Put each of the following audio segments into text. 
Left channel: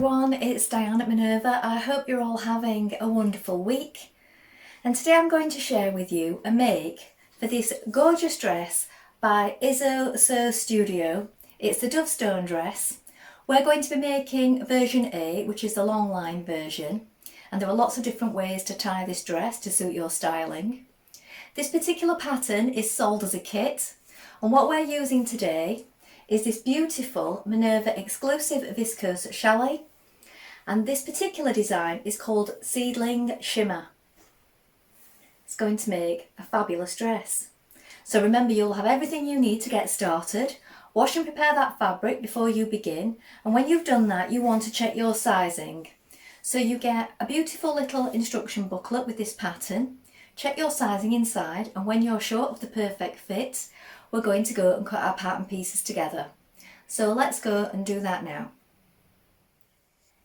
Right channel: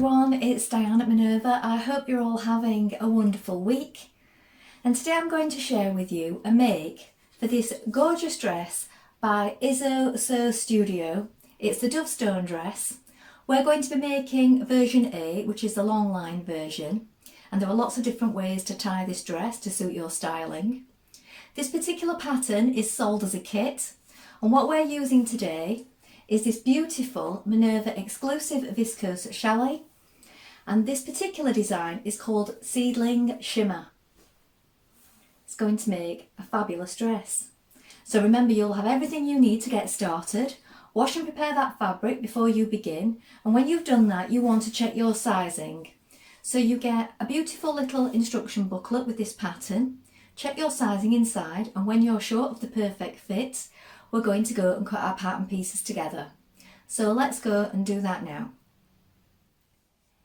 everyone, it's Diane at Minerva. I hope you're all having a wonderful week. And today I'm going to share with you a make for this gorgeous dress by Izzosew Studio. It's the Dovestone Dress. We're going to be making version A, which is the long line version. And there are lots of different ways to tie this dress to suit your styling. This particular pattern is sold as a kit. And what we're using today is this beautiful Minerva exclusive viscose chalet, and this particular design is called Seedling Shimmer. It's going to make a fabulous dress. So remember, you'll have everything you need to get started. Wash and prepare that fabric before you begin, and when you've done that you want to check your sizing. So you get a beautiful little instruction booklet with this pattern. Check your sizing inside, and when you're sure of the perfect fit, we're going to go and cut our pattern pieces together. So let's go and do that now.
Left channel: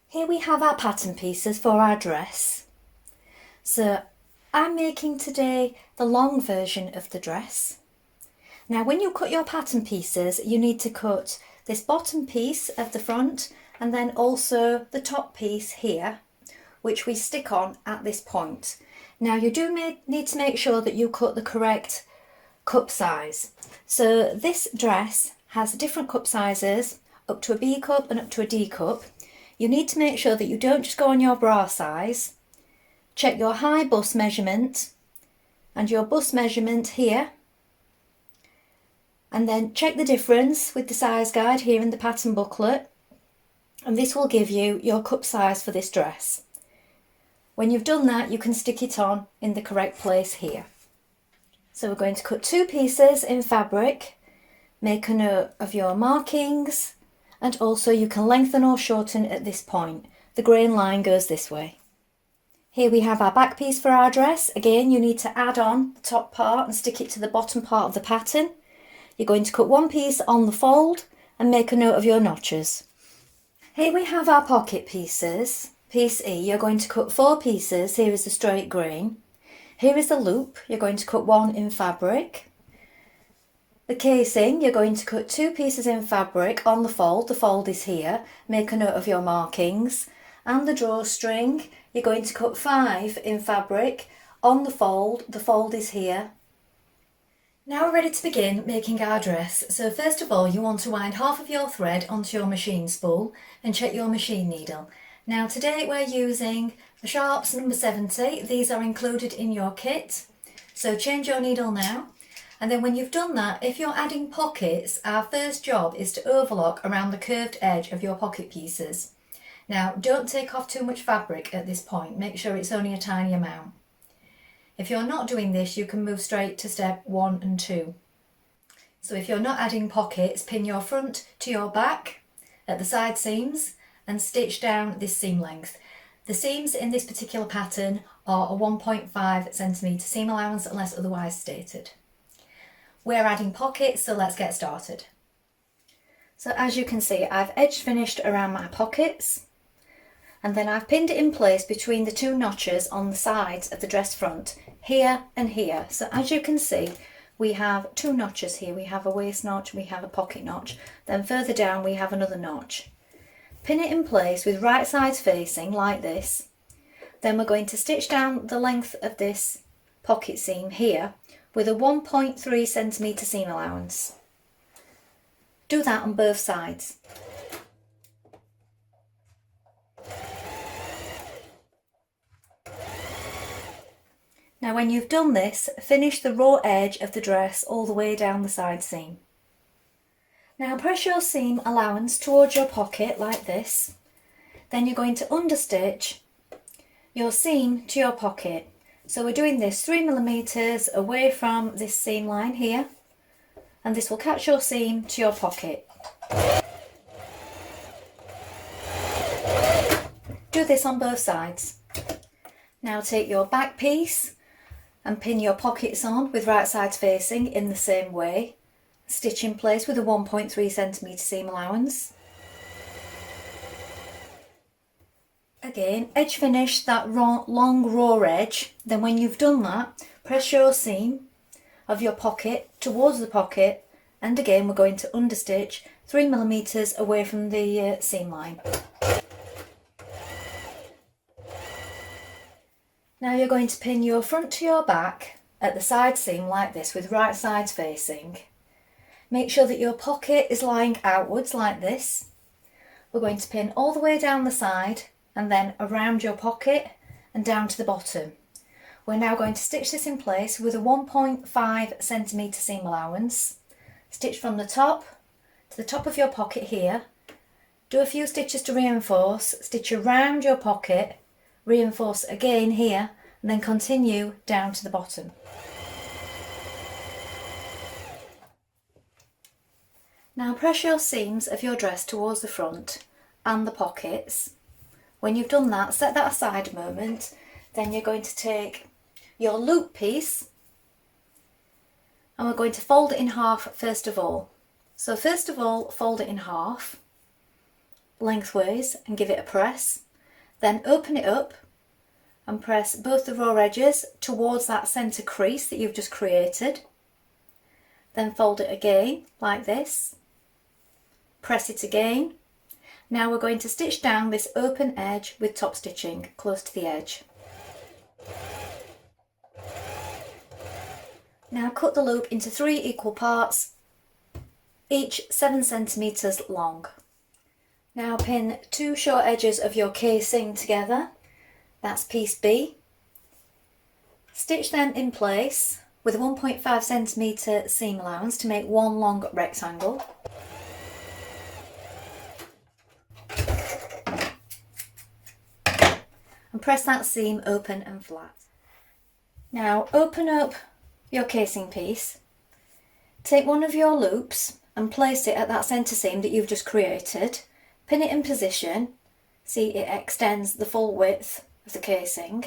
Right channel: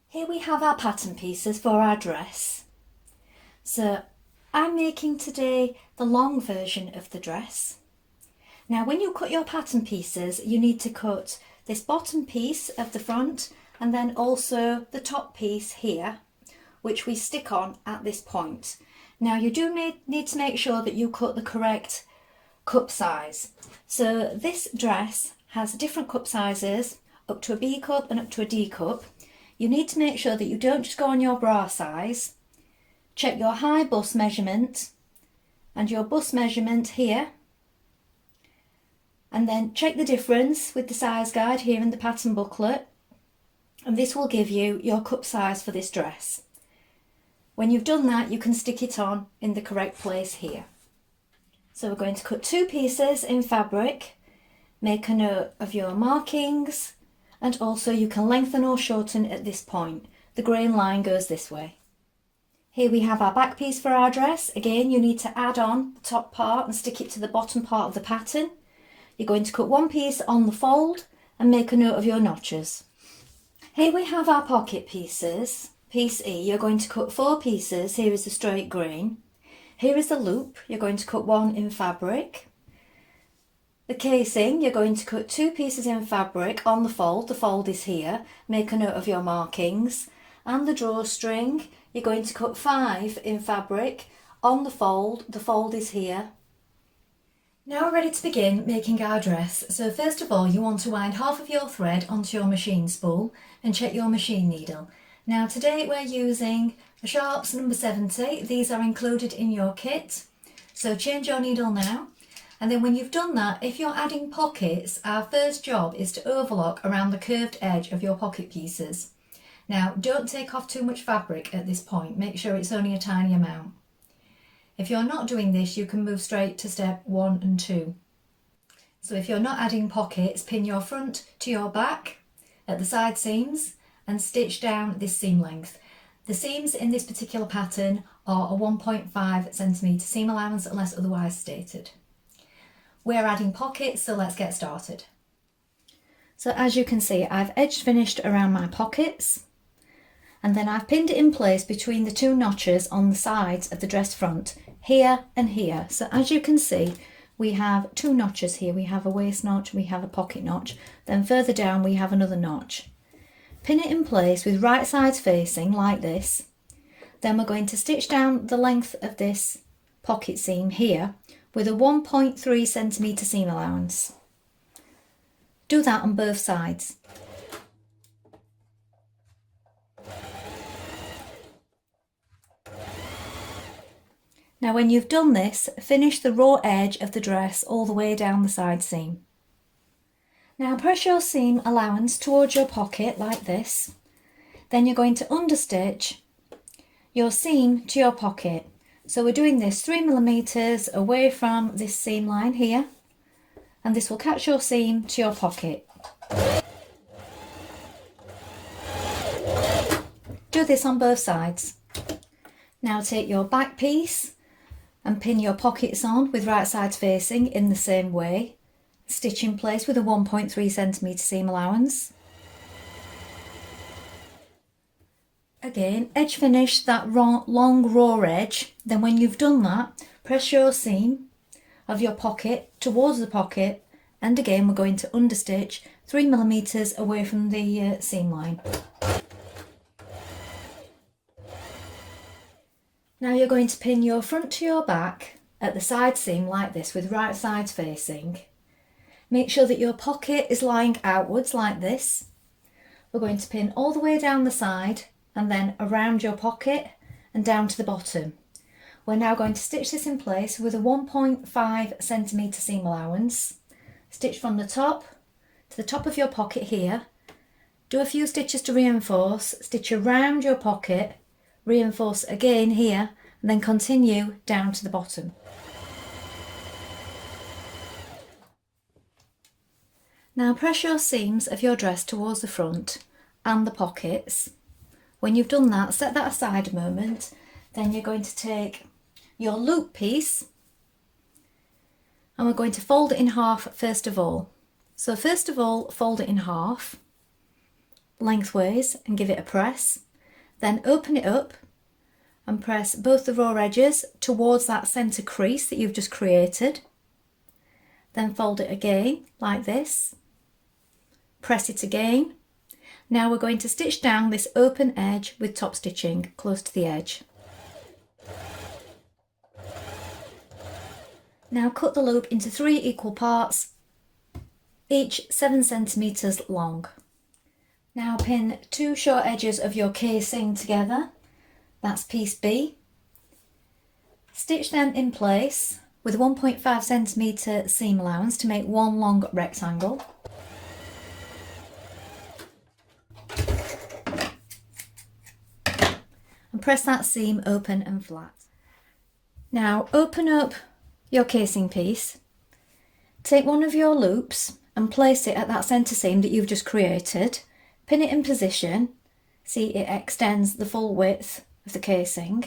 Here we have our pattern pieces for our dress. So I'm making today the long version of the dress. Now when you cut your pattern pieces, you need to cut this bottom piece of the front and then also the top piece here, which we stick on at this point. Now you do need to make sure that you cut the correct cup size. So this dress has different cup sizes, up to a B cup and up to a D cup. You need to make sure that you don't just go on your bra size. Check your high bust measurement and your bust measurement here, and then check the difference with the size guide here in the pattern booklet, and this will give you your cup size for this dress. When you've done that, you can stick it on in the correct place here. So we're going to cut two pieces in fabric, make a note of your markings, and also you can lengthen or shorten at this point. The grain line goes this way. Here we have our back piece for our dress. Again, you need to add on the top part and stick it to the bottom part of the pattern. You're going to cut one piece on the fold and make a note of your notches. Here we have our pocket pieces. Piece E, you're going to cut 4 pieces. Here is the straight grain. Here is the loop, you're going to cut 1 in fabric. The casing, you're going to cut 2 pieces in fabric on the fold is here, make a note of your markings. And the drawstring, you're going to cut 5 in fabric on the fold is here. Now we're ready to begin making our dress. So first of all, you want to wind half of your thread onto your machine spool and check your machine needle. Now today we're using the sharps number 70, these are included in your kit, so change your needle now, and then when you've done that, if you're adding pockets, our first job is to overlock around the curved edge of your pocket pieces. Now don't take off too much fabric at this point, make sure it's only a tiny amount. If you're not doing this, you can move straight to step 1 and 2. So if you're not adding pockets, pin your front to your back at the side seams and stitch down this seam length. The seams in this particular pattern are a 1.5 centimetre seam allowance unless otherwise stated. We're adding pockets, so let's get started. So as you can see, I've edge finished around my pockets, and then I've pinned it in place between the 2 notches on the sides of the dress front, here and here. So as you can see, we have 2 notches here. We have a waist notch, we have a pocket notch, then further down we have another notch. Pin it in place with right sides facing like this. Then we're going to stitch down the length of this pocket seam here with a 1.3 centimetre seam allowance. Do that on both sides. Now when you've done this, finish the raw edge of the dress all the way down the side seam. Now press your seam allowance towards your pocket like this. Then you're going to understitch your seam to your pocket. So we're doing this 3 millimeters away from this seam line here, and this will catch your seam to your pocket. Do this on both sides. Now take your back piece and pin your pockets on with right sides facing in the same way. Stitch in place with a 1.3 centimetre seam allowance. Again, edge finish that long raw edge. Then when you've done that, press your seam of your pocket towards the pocket, and again we're going to understitch 3 millimeters away from the seam line. Now you're going to pin your front to your back at the side seam like this with right sides facing. Make sure that your pocket is lying outwards like this. We're going to pin all the way down the side and then around your pocket and down to the bottom. We're now going to stitch this in place with a 1.5 centimetre seam allowance. Stitch from the top to the top of your pocket here. Do a few stitches to reinforce, stitch around your pocket, reinforce again here, and then continue down to the bottom. Now press your seams of your dress towards the front and the pockets. When you've done that, set that aside a moment. Then you're going to take your loop piece and we're going to fold it in half first of all. So first of all, fold it in half lengthways and give it a press. Then open it up and press both the raw edges towards that centre crease that you've just created. Then fold it again like this. Press it again. Now we're going to stitch down this open edge with top stitching close to the edge. Now cut the loop into 3 equal parts, each 7 centimetres long. Now pin 2 short edges of your casing together, that's piece B. Stitch them in place with a 1.5 centimetre seam allowance to make one long rectangle. And press that seam open and flat. Now open up your casing piece, take one of your loops and place it at that centre seam that you've just created, pin it in position, see it extends the full width of the casing,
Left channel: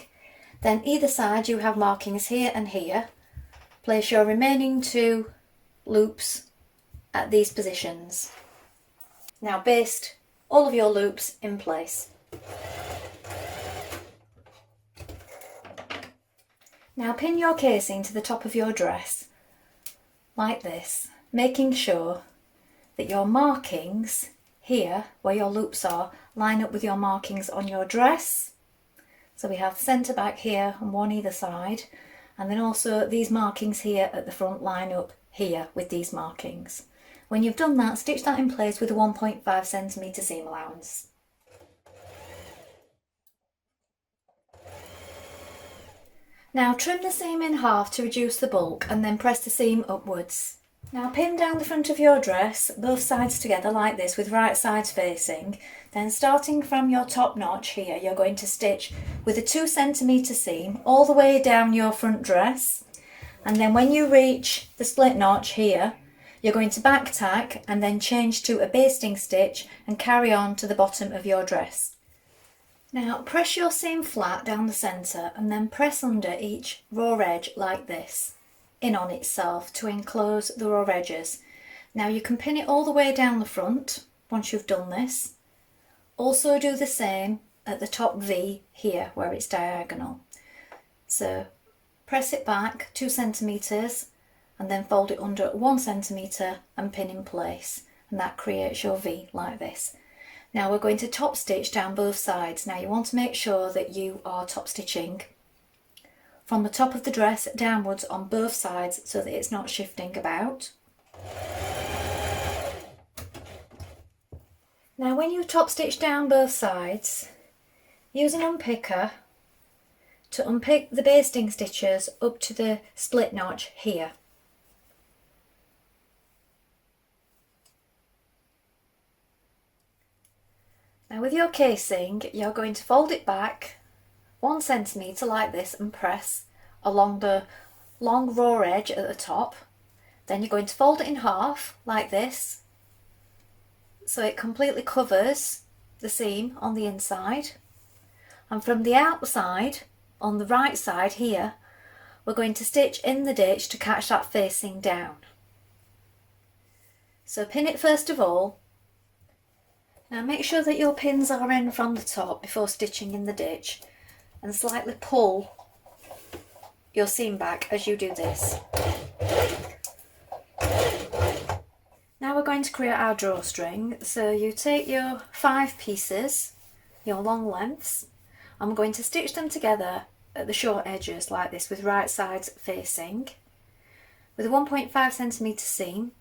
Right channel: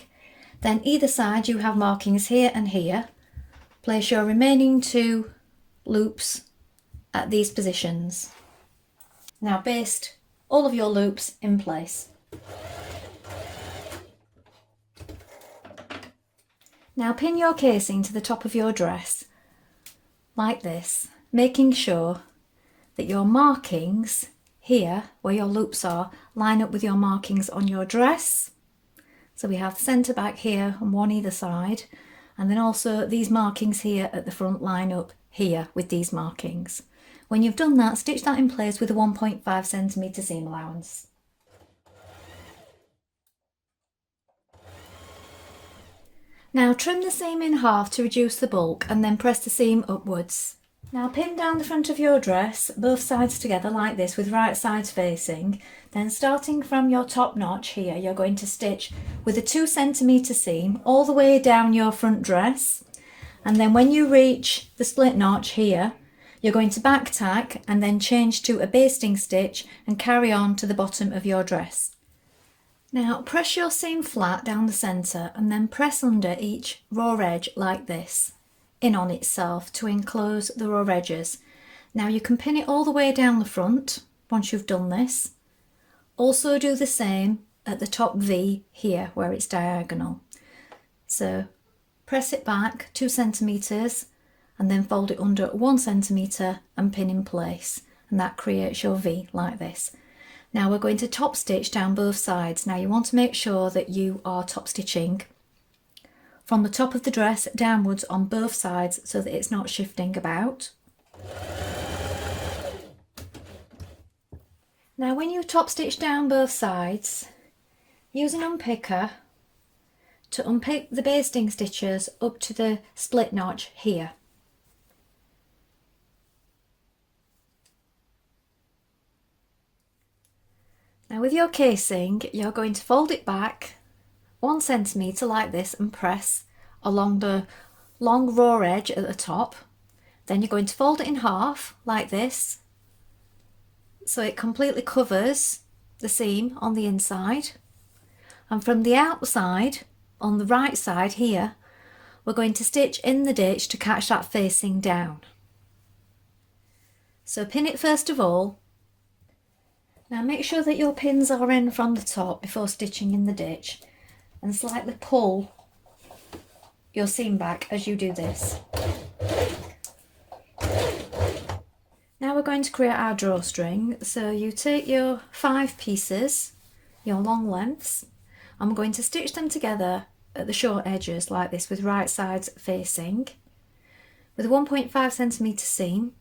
then either side you have markings here and here, place your remaining 2 loops at these positions. Now baste all of your loops in place. Now pin your casing to the top of your dress, like this, making sure that your markings here, where your loops are, line up with your markings on your dress. So we have centre back here and one either side, and then also these markings here at the front line up here with these markings. When you've done that, stitch that in place with a 1.5 centimetre seam allowance. Now trim the seam in half to reduce the bulk and then press the seam upwards. Now pin down the front of your dress, both sides together like this with right sides facing. Then starting from your top notch here, you're going to stitch with a 2 centimetre seam all the way down your front dress. And then when you reach the split notch here, you're going to back tack and then change to a basting stitch and carry on to the bottom of your dress. Now press your seam flat down the centre and then press under each raw edge like this, in on itself to enclose the raw edges. Now you can pin it all the way down the front once you've done this. Also do the same at the top V here where it's diagonal. So press it back 2 centimetres and then fold it under 1 centimetre and pin in place, and that creates your V like this. Now we're going to top stitch down both sides. Now you want to make sure that you are top stitching from the top of the dress downwards on both sides so that it's not shifting about. Now when you top stitch down both sides, use an unpicker to unpick the basting stitches up to the split notch here. Now with your casing, you're going to fold it back 1 centimetre like this and press along the long raw edge at the top. Then you're going to fold it in half like this so it completely covers the seam on the inside. And from the outside, on the right side here, we're going to stitch in the ditch to catch that facing down. So pin it first of all. Now make sure that your pins are in from the top before stitching in the ditch, and slightly pull your seam back as you do this. Now we're going to create our drawstring. So you take your 5 pieces, your long lengths, and we're going to stitch them together at the short edges like this with right sides facing, with a 1.5 centimetre seam,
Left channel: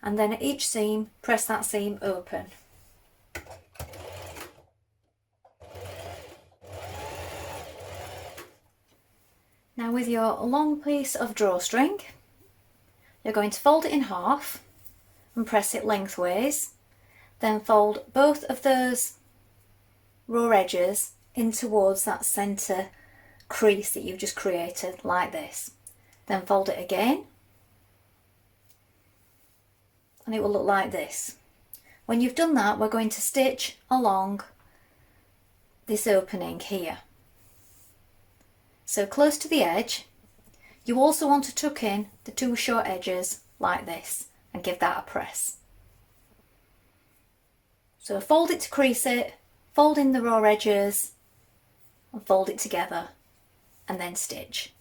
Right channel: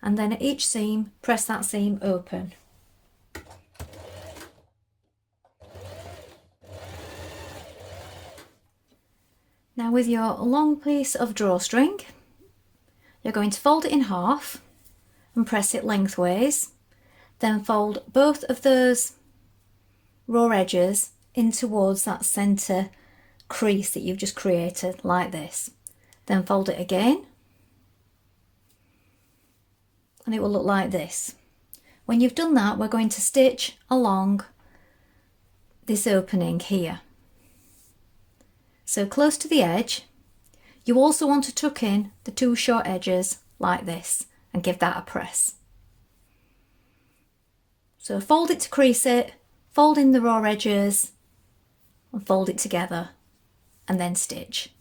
and then at each seam press that seam open. Now with your long piece of drawstring, you're going to fold it in half and press it lengthways, then fold both of those raw edges in towards that centre crease that you've just created like this. Then fold it again and it will look like this. When you've done that, we're going to stitch along this opening here. So close to the edge, you also want to tuck in the two short edges like this and give that a press. So fold it to crease it, fold in the raw edges and fold it together and then stitch.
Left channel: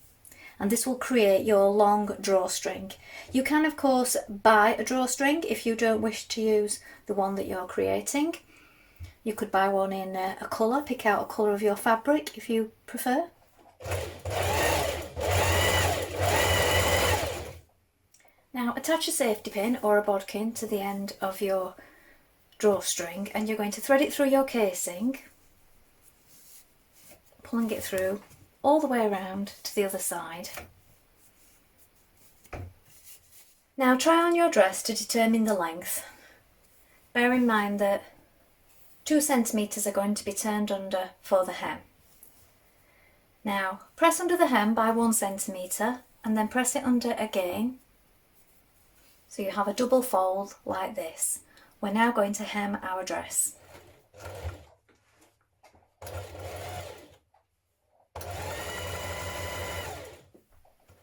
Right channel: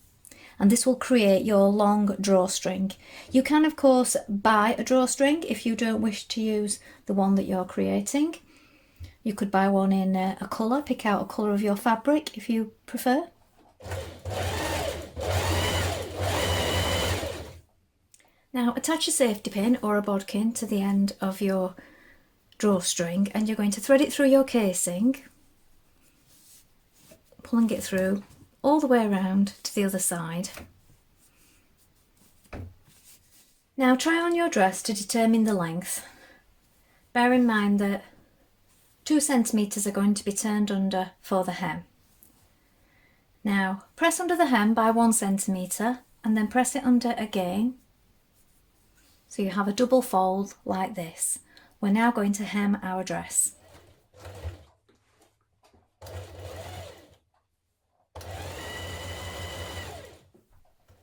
And this will create your long drawstring. You can of course buy a drawstring if you don't wish to use the one that you're creating. You could buy one in a colour, pick out a colour of your fabric if you prefer. Now attach a safety pin or a bodkin to the end of your drawstring and you're going to thread it through your casing, pulling it through all the way around to the other side. Now try on your dress to determine the length. Bear in mind that 2 centimetres are going to be turned under for the hem. Now press under the hem by 1 centimetre and then press it under again. So you have a double fold like this. We're now going to hem our dress.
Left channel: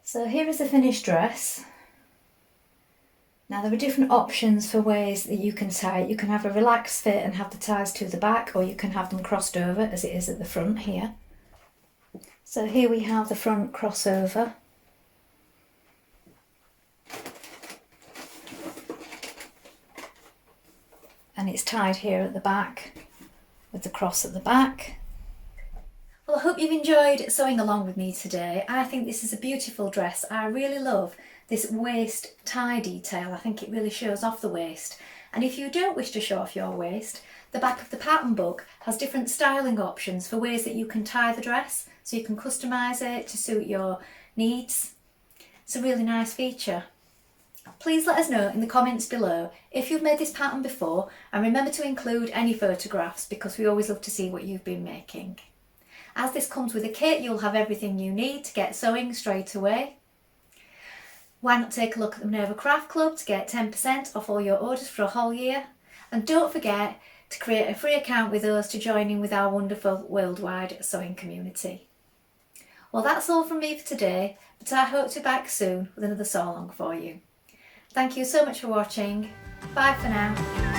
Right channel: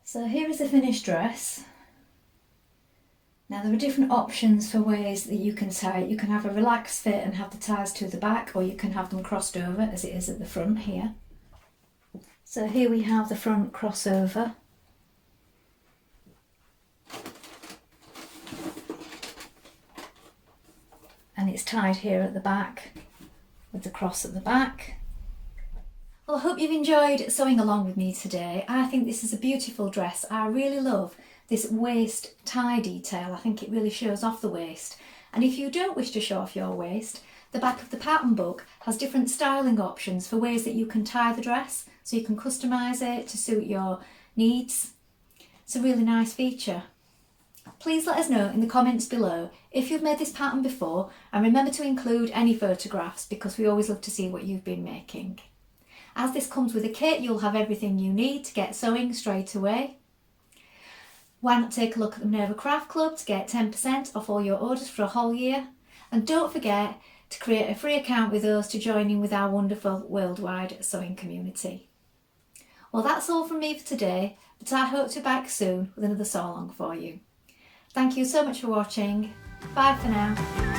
So here is the finished dress. Now there are different options for ways that you can tie it. You can have a relaxed fit and have the ties to the back, or you can have them crossed over as it is at the front here. So here we have the front crossover. And it's tied here at the back with the cross at the back. Well, I hope you've enjoyed sewing along with me today. I think this is a beautiful dress. I really love this waist tie detail. I think it really shows off the waist. And if you don't wish to show off your waist, the back of the pattern book has different styling options for ways that you can tie the dress, so you can customise it to suit your needs. It's a really nice feature. Please let us know in the comments below if you've made this pattern before, and remember to include any photographs because we always love to see what you've been making. As this comes with a kit, you'll have everything you need to get sewing straight away. Why not take a look at the Minerva Craft Club to get 10% off all your orders for a whole year? And don't forget to create a free account with us to join in with our wonderful worldwide sewing community. Well, that's all from me for today, but I hope to be back soon with another sew along for you. Thank you so much for watching. Bye for now.